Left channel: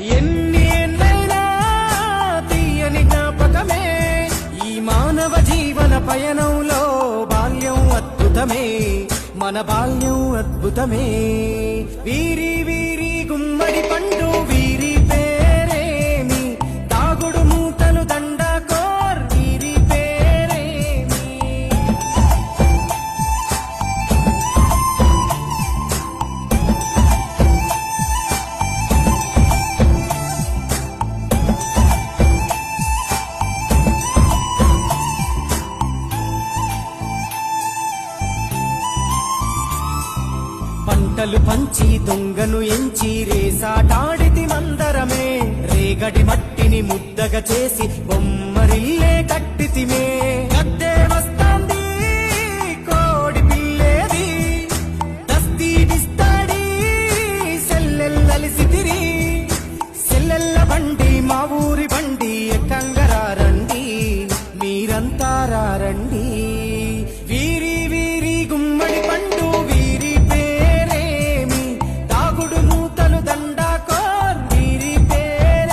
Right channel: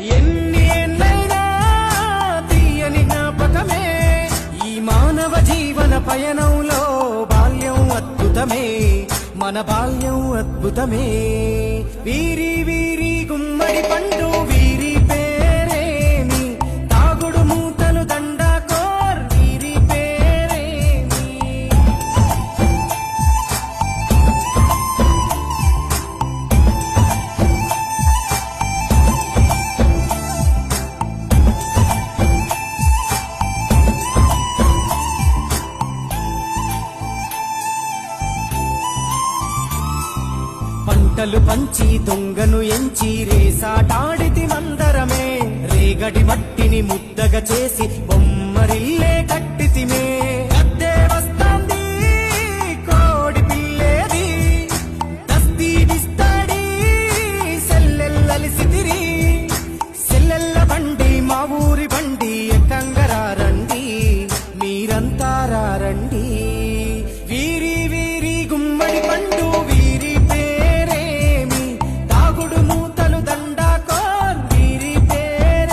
ఎన్ని ఏళ్ళైనా తీయని జ్ఞాపకమే. ఈ మానవ జీవన పయనంలో బాల్యం అద్భుతమే. మన బాల్యం అద్భుతమే. వీరి వీరి గుమ్మడి పండు వీరి పంటలు పంచి దొంగను ఎంచి రేసాటాడితి మందరమే. రేగడి మట్టిని ముద్దగా చేసి బొమ్మరిల్లే కట్టితిమే. గద్దే వస్తాంది కోడి పిల్లేది. దస్తీడిస్తాడి సెల్లెల్లలిసితిరి సెల్లెల్ల బండి మా ఊరి బండి ఎక్కంగరారండి మీరంతా రండి